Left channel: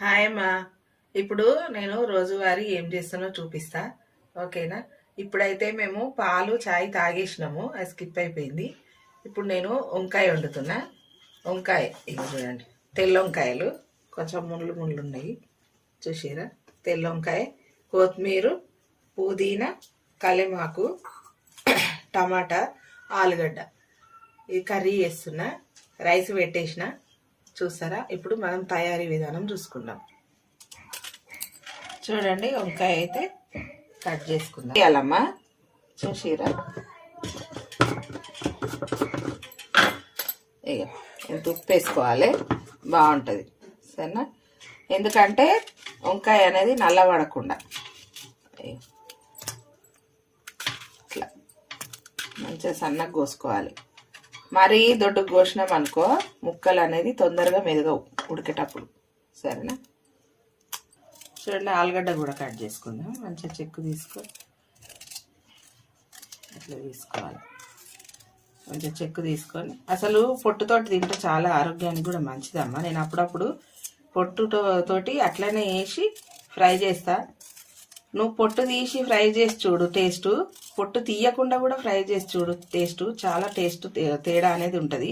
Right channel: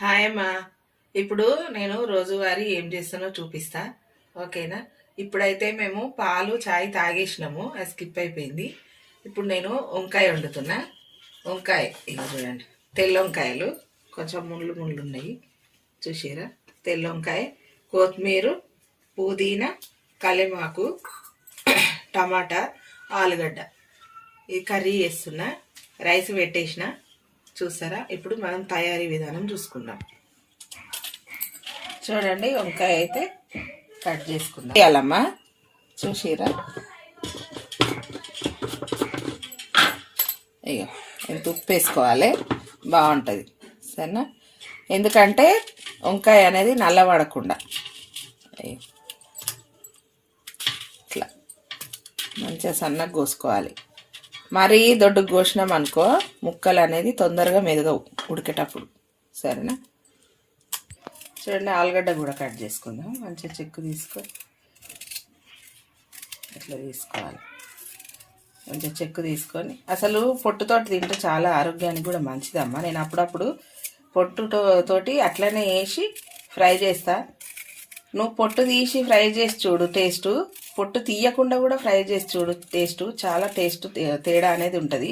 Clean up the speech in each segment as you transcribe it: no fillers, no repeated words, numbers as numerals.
Hi అమ్మా. ఇప్పుడు నేను రోజువారీ ఏం చేస్తానో చూపిస్తా, ఓకేనా? ఇప్పుడైతే మేము పాలు చాయ్ తాగేసినాము, అది స్కిప్ అయిపోయింది. ఇప్పుడు నేను వంకాయ వండుతున్నా. వంకాయ ఇక చూడండి, తెల్ల వంకాయలు కొంచెం ముళ్ళు ముళ్ళు ఉన్నాయి చూసారా. తెల్ల వంకాయ, కొత్తిమీర, పుదీనా, కలెమాకు, టమాటా, ఆలుగడ్డ, ఈ కర్రీ చేస్తున్నా. రైస్ పెట్టేసిన చూస్తారా. ఇప్పుడు మనం తయారీ విధానం చూసుకుందాం. చూడండి, వంకాయ అయితే కట్ చేసుకుందాం. వేయాలమ్మా, చూసిరా. ఇక ఇంత ఉప్పు వేసుకోవాలి, బాగుంటుంది సరేనా. ఎందుకంటే వంకాయ అనేది నల్లబడకుండా ఇట్లా మంచిగా సన్నగా కోసుకోవాలి. మరీ దొడ్డుకు కోసినాం అనుకో ముక్కలు అనేది తొందరగా మెదగవు ఉడికేటప్పుడు, సరేనా. చూడండి, ఆలుగడ్డ కూడా కట్ చేసుకుందాం. మంచిగా చెక్కు ఇట్లా తీసుకోవాలి. మంచిగా చెక్కు తీసుకొని, అసలు పొట్టుతోటి తింటే చాలా ఆరోగ్యానికి కూడా మంచిదమ్మా. నేను అప్పుడప్పుడు పొట్టుతోటి అట్లనే వేసి ఫ్రై చేస్తా. నువ్వు పొట్టు తీసి ఫ్రై చేసి చూడు టేస్ట్, పొట్టు తీయకుండా కూడా ఫ్రై చేసి చూడు టేస్ట్, చాలా టేస్ట్ తేడా అనేది ఉంటుంది.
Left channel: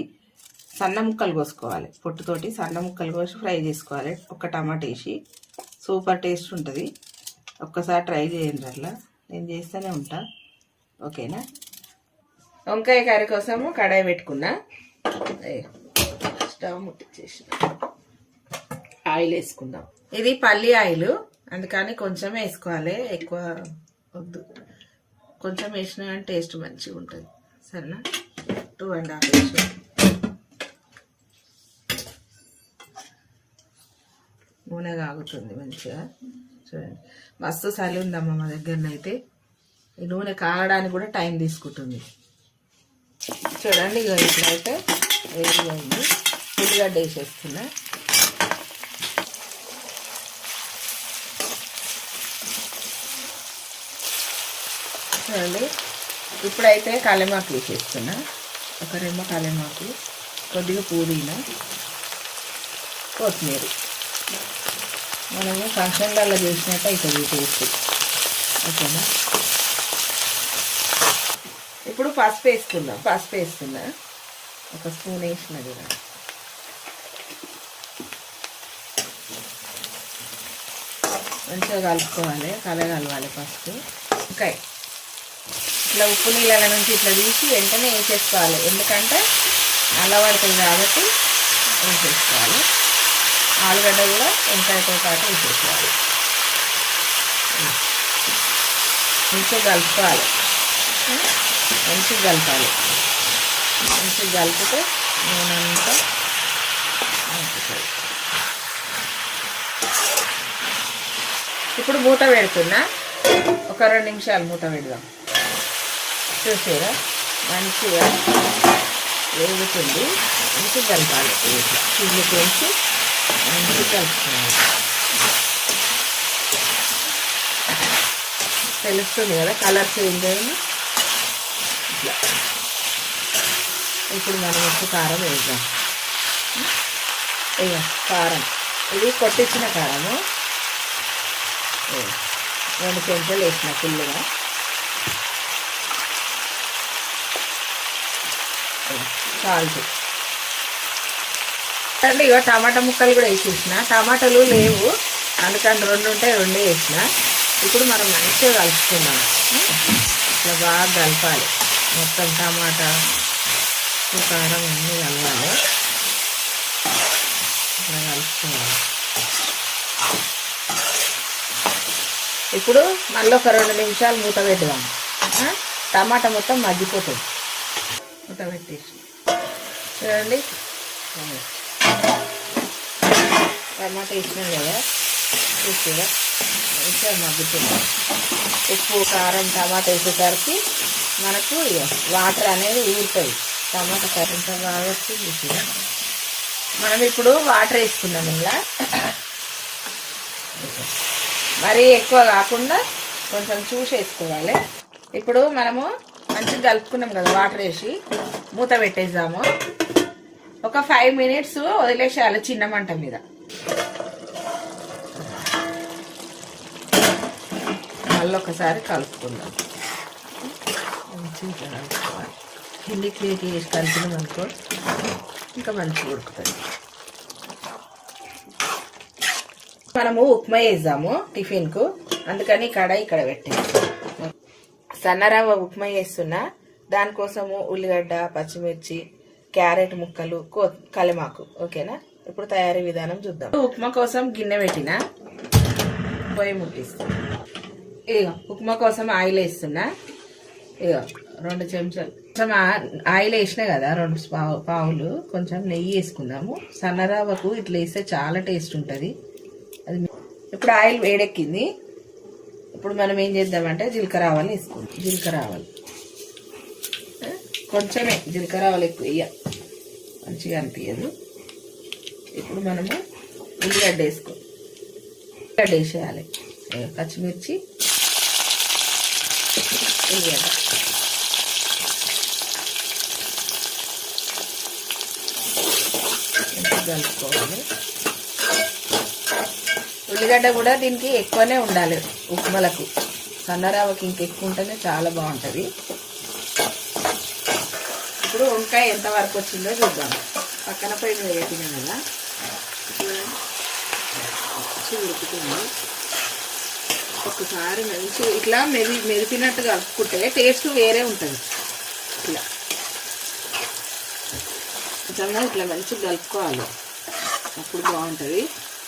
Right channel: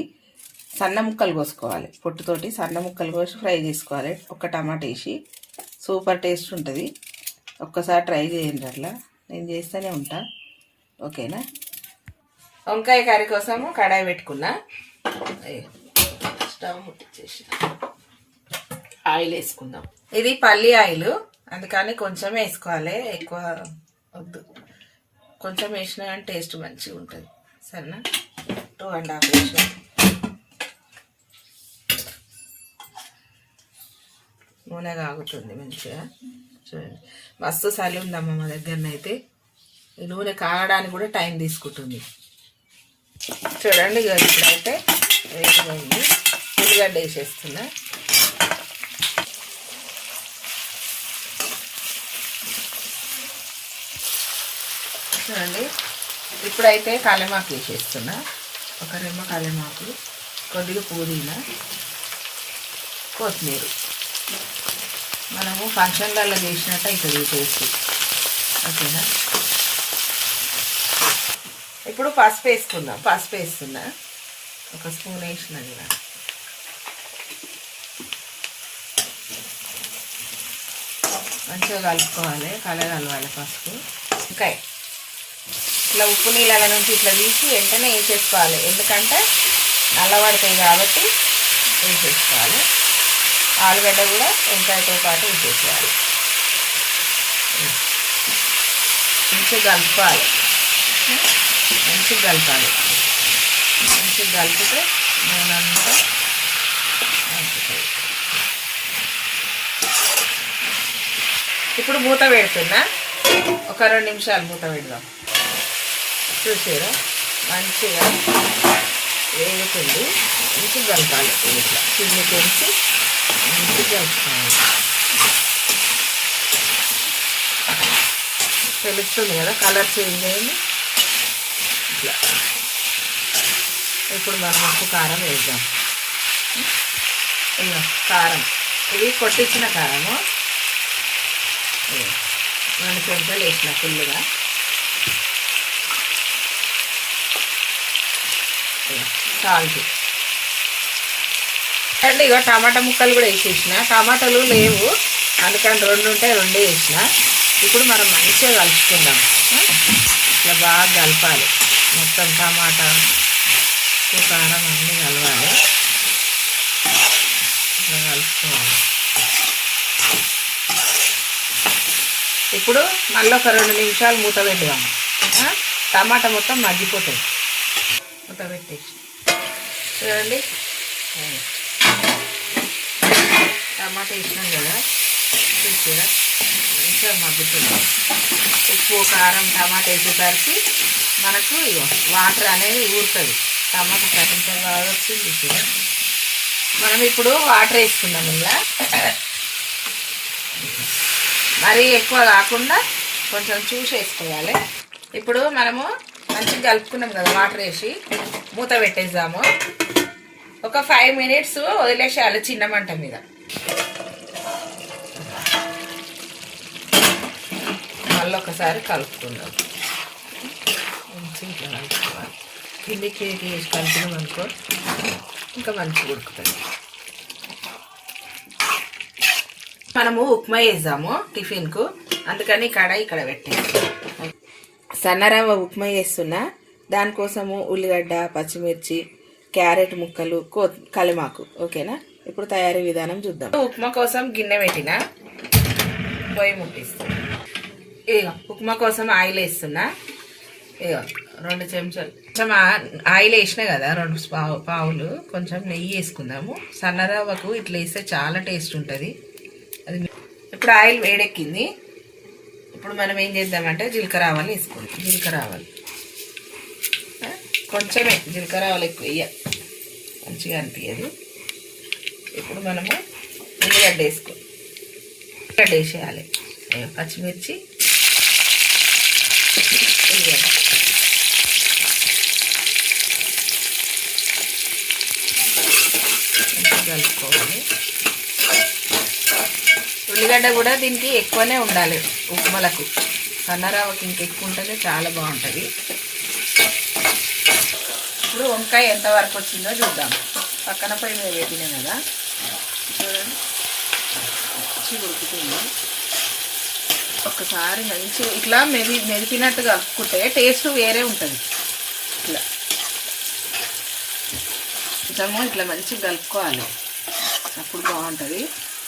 సన్న ముక్కలు కోసుకోవాలి, పొట్టుతోటి సన్న ముక్కలు కోసి ఫ్రై చేసుకోవాలి. ఒక టమాటా వేసి సూపర్ టేస్ట్ ఉంటుంది. ఒక్కసారి ట్రై చేయండి, అట్లా నేను చేస్తూనే ఉంటా, ఓకేనా. వంకాయ కర్రీ కోసము కడాయి పెట్టుకున్నా, స్టవ్ ముట్టించేసి ఆయిల్ వేసుకుందాం. ఇది పల్లి ఆయిల్, అందుకని కొంచెం వేసుకోవాలి, ఎక్కువ వద్దు. కొంచెం వేసినా కానీ టేస్ట్ మంచిగా ఉంటుంది, సరేనా. 2.5 వేసిన. నూనె కాగుతుంది మంచిగా. చూడండి, మస్తు చలి ఉందమ్మా మా దగ్గరనైతే. ఈ నూనె కాగడానికి కూడా టైం తీసుకుంటుంది. చూడండి, ఇక ఇప్పుడైతే వేగిపోయింది. ఉల్లిగడ్డ వేసేస్తున్నా. చూడండి, ఇప్పుడైతే కలెమాకు వేసేస్తున్నా. ఒక రెమ్మ కలెమాకు, కొద్దిగా పుదీనా, కొత్తిమీర. మనము ఫంక్షన్లలో చేసినట్టు అవుతుంది టేస్ట్, ఓకేనా. ఇప్పుడు పసుపు వేసుకుందాం. పసుపు వేస్తున్నా, ఒక స్పూన్ వేసినది. మంచిగా కలుపుకోవాలి, కలగాలి పసుపు. ఇంకా ఇట్లా ఉప్పు నీళ్ళ నుంచి ఇట్లా తీసి వెంటనే వేసేసుకోవాలి, ఎందుకంటే నల్లబడుతుంది కాబట్టి వేసేసుకోవాలి. ఆలుగడ్డ కూడా వంకాయతో పాటు వేసేసుకోవాలి. మంచిగా కలుపుకోవాలి, మంచిగా కలిపితే ఇప్పుడు మూత పెడుతున్నా. ఒక 2 నిమిషాలు మూత పెడదాం. చూసారా, మంచిగా వేడుతుంది. మంచిగా కలపాలి, చిల్లి కొంచెం మంచిగా కలుపుకోవాలి. తెలుస్తుంది కదా, కలర్ చేంజ్ అయింది. ఇప్పుడు మనం ఉప్పు కారం వేద్దాం. కారం ఇది కొట్టించిన కారము 2 చెంచాలు వేసిన ఫుల్గా. సాల్ట్ అంటే ఇక టమాటా ముక్కలు కూడా వేసేసిన. టమాటాలు లేవు అందుకని 2 ఉంటే 2 వేసిన. ఇప్పుడు మనం మంచిగా కలుపుకుందాం. బాగా కలపాలి, మొత్తం టమాటా కారం అన్నీ కలవాలి, కలుపుకోవాలి. ఇప్పుడు మళ్ళీ ఒక 2 నిమిషాలు మూత పెడదాం. టమాటా మొత్తం మగ్గిపోతుంది. మూత పెట్టేసి చూడండి, టమాటా వేసినాం కదా, చూసారా మంచిగా మగ్గుతుంది. ఉప్పు కారం టమాటా వేసేసరికి మనకు వాటర్ అనేది ఊరుతుంది. టమాటా కరెంట్ కావచ్చు. చూసారా, మనం ఇప్పుడు వాటర్ వేసుకున్నాం. ఇలా మరీ ఎక్కువ కాకుండా కొంచెం చూసి వేసుకోవాలి. ఇప్పుడు మనము మంచిగా కలుపుకున్నాం కదా, వాటర్ వేసి మూత పెట్టేద్దాము. ఒక 5 minutes వదిలేసేయాలి చిన్న మంట మీద. ఒకసారి కలుపుకుందాం. కిందికి వేసి కలిపినాం అనుకో ఇంకా మంచిగా ఉడుకుతుంది. మనము ఉప్మా వేద్దాము టిఫిన్కు, అందుకని కడాయి ఇక్కడ పెట్టాము. సన్నరవ్వ ఉప్మా చేస్తున్నా, దానికోసము ఉల్లిగడ్డ, పచ్చిమిర్చి, క్యారెట్ ముక్కలు, కలిమాకు. ఓకేనా? ఇప్పుడు తయారీ విధానం చూద్దాం. ఉప్మా కోసం గిన్నె పెట్టిన, పొయ్యి ముట్టిస్తున్నా. ఇగో ఉప్మా కోసం ఆయిల్ వేస్తున్నా. ఇగో 2 చెంచాలు కొంచెం ఆయిల్ వేసినా కదా, 2 పావులు కొంచెం నెయ్యి వేసుకుందాము. సన్నరవ్వకు ఇట్లా వేస్తే చాలా టేస్ట్ ఉంటుంది. అది ఇప్పుడు ఆయిల్ వేడెక్కింది. ఇప్పుడు మనం ఏం చేద్దామంటే జీలకర్ర ఆవాలు వేసుకుందాం. జీలకర్ర ఆవాలు కొంచెమే, జీలకర్ర ఆవాలు ఎక్కువ మంచిగా అనిపించదు. ఇప్పుడు మనము ఉల్లిగడ్డ వేసుకోవాలి. ఉల్లిగడ్డ వేసేయాలి. పచ్చిమిర్చి, ఉల్లిగడ్డ కలుపుకోవాలి. ఉల్లిగడ్డ కూడా దీనికి ఎక్కువనే ఉండాలి ఉప్మాలకు. సన్నరవ్వకి ఇంకెక్కువ ఉంటుంది, చాలా బాగుంటుంది. ఇప్పుడు వంకాయ ఎంత వరకు వచ్చిందో చూద్దాం. పక్కన పొయ్యి మీద పెట్టినాం కదా, మంచి ఉడుకుతుంది. ఒకసారి మంచి ఇట్లా మెదిపినట్టు కలుపుకుంటే టేస్ట్ వేరే ఉంటుంది. ఇట్లా కొంచెము ఇట్లా మంచిగా కలుపుకోవాలి, అప్పుడు బాగుంటుంది.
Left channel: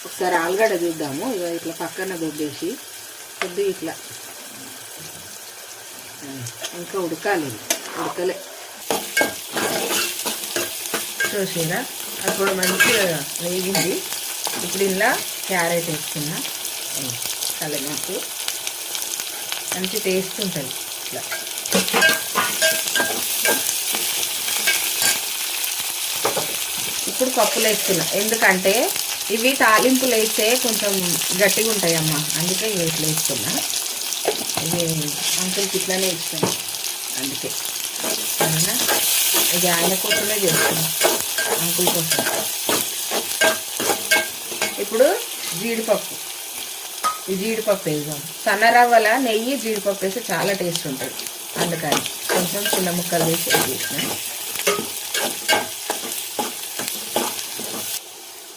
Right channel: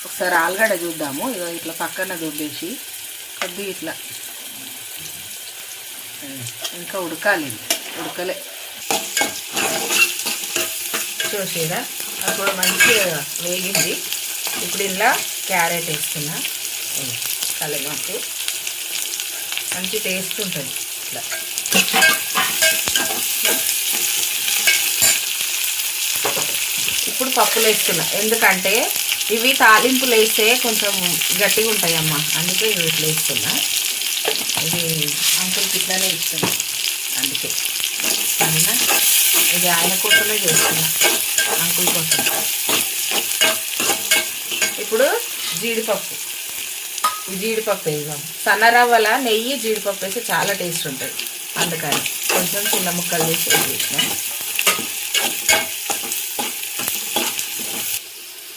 ఒకసారి ఆలుగడ్డ చూద్దాము. ఇట్లా పక్కన దొబ్బేసి కొద్దిగా ఇట్లా ఇంకా ఉడకాలి, ఉడకలే చూసిరా. అప్పుడు మంచిగా వేగింది. ఇప్పుడు ఇలా క్యారెట్ వేసుకున్నా. కలిమాకు మంచి టేస్ట్ ఉంటుంది. ఇట్లా ఇప్పుడు పప్పులు వేస్తున్నాం, ఎందుకంటే ఇవి తాలింపులు వేస్తే కొంచెం గట్టిగా ఉంటాయమ్మా, అందుకే ఇట్లా వేస్తున్నా. ఇది అంకుల్కి ఇట్లానే ఇస్తున్నా, అందుకే ఇది ఆయన కోసమే చేస్తున్నా, అంకుల్ కోసం. ఇప్పుడు జీడిపప్పు, ఈ జీడిపప్పు వేద్దాం. సన్నరవ్వల నెయ్యి జీడిపప్పు వేసి చాలా టేస్ట్ ఉంటుంది, అందుకని కొంచెం చిన్న ముక్కలు వేసి వేసిన.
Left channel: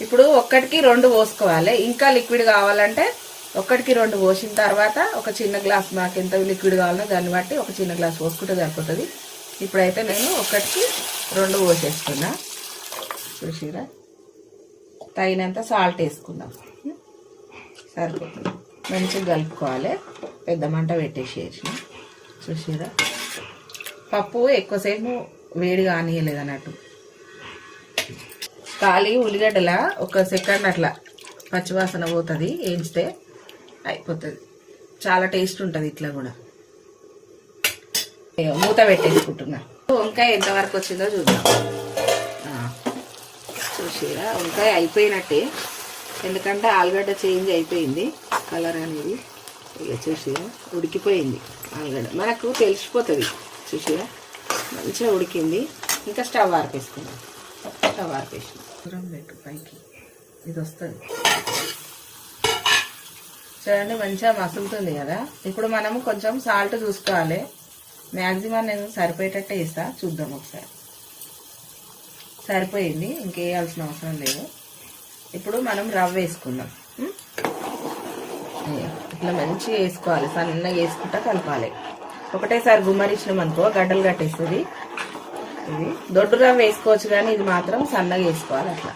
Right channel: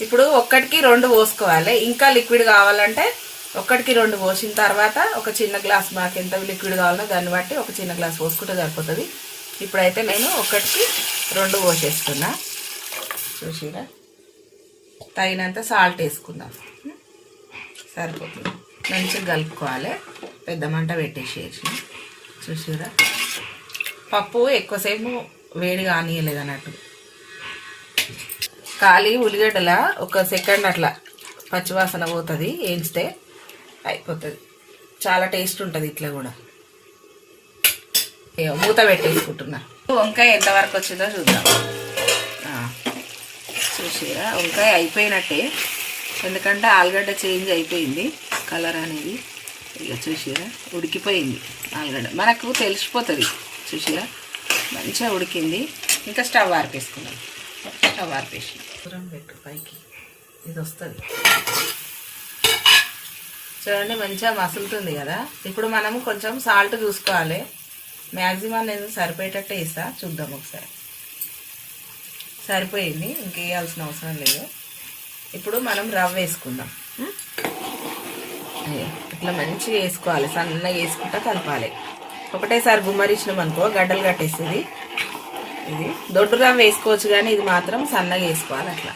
ఇప్పుడు 1కి 2 పోసుకోవాలి. ఇంకా లిక్విడ్ కావాలంటే 1కి 2 పోసిన తర్వాత ఒక చిన్న గ్లాస్, మాకు ఎంత లిక్విడ్ కావాలో దాన్ని బట్టి ఒక చిన్న గ్లాస్ పోసుకుంటే సరిపోతుంది. ఇప్పుడైతే నేను 1కి 2 పోసేస్తున్నా. చూసిరా, తగినంత సాల్ట్ వేసుకుందాం, సరిపోతుంది. మంచిగా కలుపుకోవాలి. పెద్ద మంట పెట్టేసేసి. చూసిరా, పప్పు ఎక్కువసేపు వేడి కానీయలేదు అన్నట్టు. ఖాళీ ఉల్లిగడ్డల 1 సెకండ్ అట్లా పచ్చివాసన పోతుంది, వేయించితే అయిపోతుంది. చాలా టేస్ట్ ఉంటుంది. ఇట్లా కూడా మూత పెట్టేసుకుంటున్నా. వంకాయ ఎంతవరకు వచ్చిందో చూద్దాం. చూసిరా, వంకాయ అయిపోయినట్టే, ఎందుకంటే ఆలుగడ్డ చేంజ్ అయిపోయింది కలర్ అనేది. ఇక చూసిరా, ఉడికిపోయింది ఆలుగడ్డ, మనకు తెలిసిపోతుంది. చూసిరా, మంచిగా ఉడికింది. ఇంకా స్టవ్ ఆర్పేసుకుందాం. స్టవ్ ఆర్పేసి పెట్టు పైకి, ఇది వస్తుంది చూడండి, మంచిగా మసులుతుంది కదా. ఇప్పుడు మనము కొంచెం సాల్ట్ చూసుకోవాలి. మ్యాక్సిమం నేను సరిపోయేటట్టే వేస్తా, చూద్దాం ఒకసారి. సరిపోయింది, ఇంకేయాల్సిన అవసరం లేదు. ఇప్పుడు మనం రవ్వ వేసుకుందాం. ఇట్లా మంచిగా వేసుకోవాలి, సన్నగా వేసుకుంటే కలపాలి. ఒకటేసారి గుమ్మరిచ్చినాం అనుకో గడ్డలు కట్టేస్తుంది. ఇది దొడ్డు రవ్వ వేసుకోవచ్చు, కానీ ఇది మాత్రం సన్నగా వేసుకోవాలి. అట్లా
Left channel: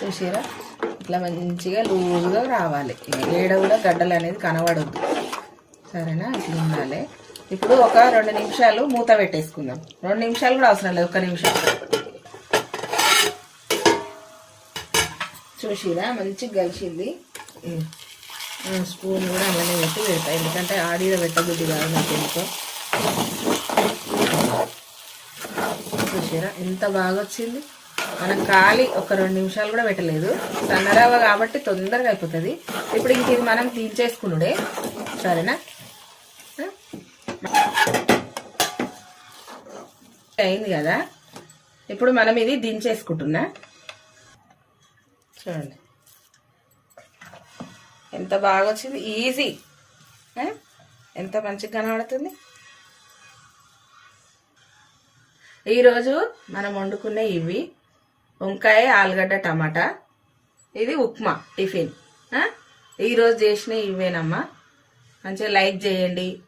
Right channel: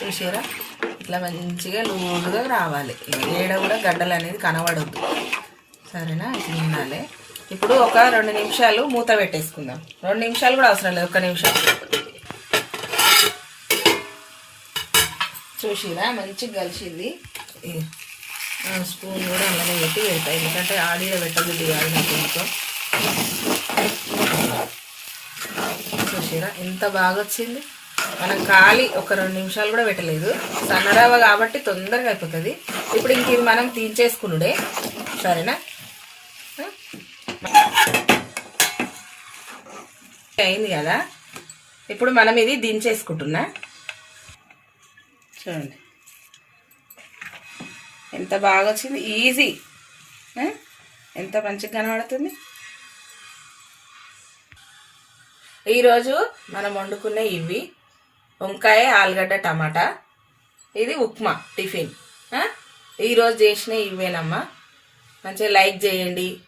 చూసిరా, ఇట్లా మంచిగా లూజుగా రావాలి. ఏడ కూడా గడ్డలు అనేది కనబడద్దు, సరేనా? ఇట్లా ఉండాలి. ఇప్పుడు ఒక 2 నిమిషాలు మూత పెట్టేసుకుందాం. 2 నిమిషాలు కూడా అవసరం లేదు, 1 నిమిషం. చూసిరా, మంచిగా కలిసింది. స్పూన్ కూడా అలానే పెట్టి పెడతాయి, ఎందుకంటే ఆడియో పెట్టదు కాదు. చూసిరా, ఎంత బాగా వచ్చింది. మనం ఖాళీ ఒక 2 నిమిషాలు కూడా పెట్టలేదు. సన్నరవ్వ కాబట్టి తొందరగా అయిపోతుంది. ఇప్పుడు ఇంక ఇది మనం తీసేసుకునుడే, సరేనా? అయింది కదా. ఇప్పుడు మనం ఇది దించేసుకుంటున్నా. చూడండి ఎంత బాగా వచ్చింది. ఈజీ, ఆ? ఎంత మంచిగా కనబడుతుంది. ఈరోజు మనం వండుకునే ఇవి వంకాయ, ఆలుగడ్డ, టమాటా. ఇది ఉప్మా టిఫిన్. ఈరోజు చేసిన ఇవేనమ్మా. మంచిగా లైక్ చేయండి,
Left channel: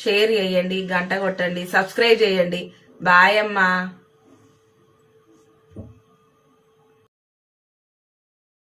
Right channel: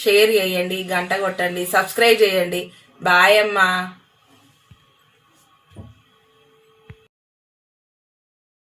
షేర్ చేయండి, గంట కొట్టండి, సబ్స్క్రైబ్ చేయండి. బాయ్ అమ్మా.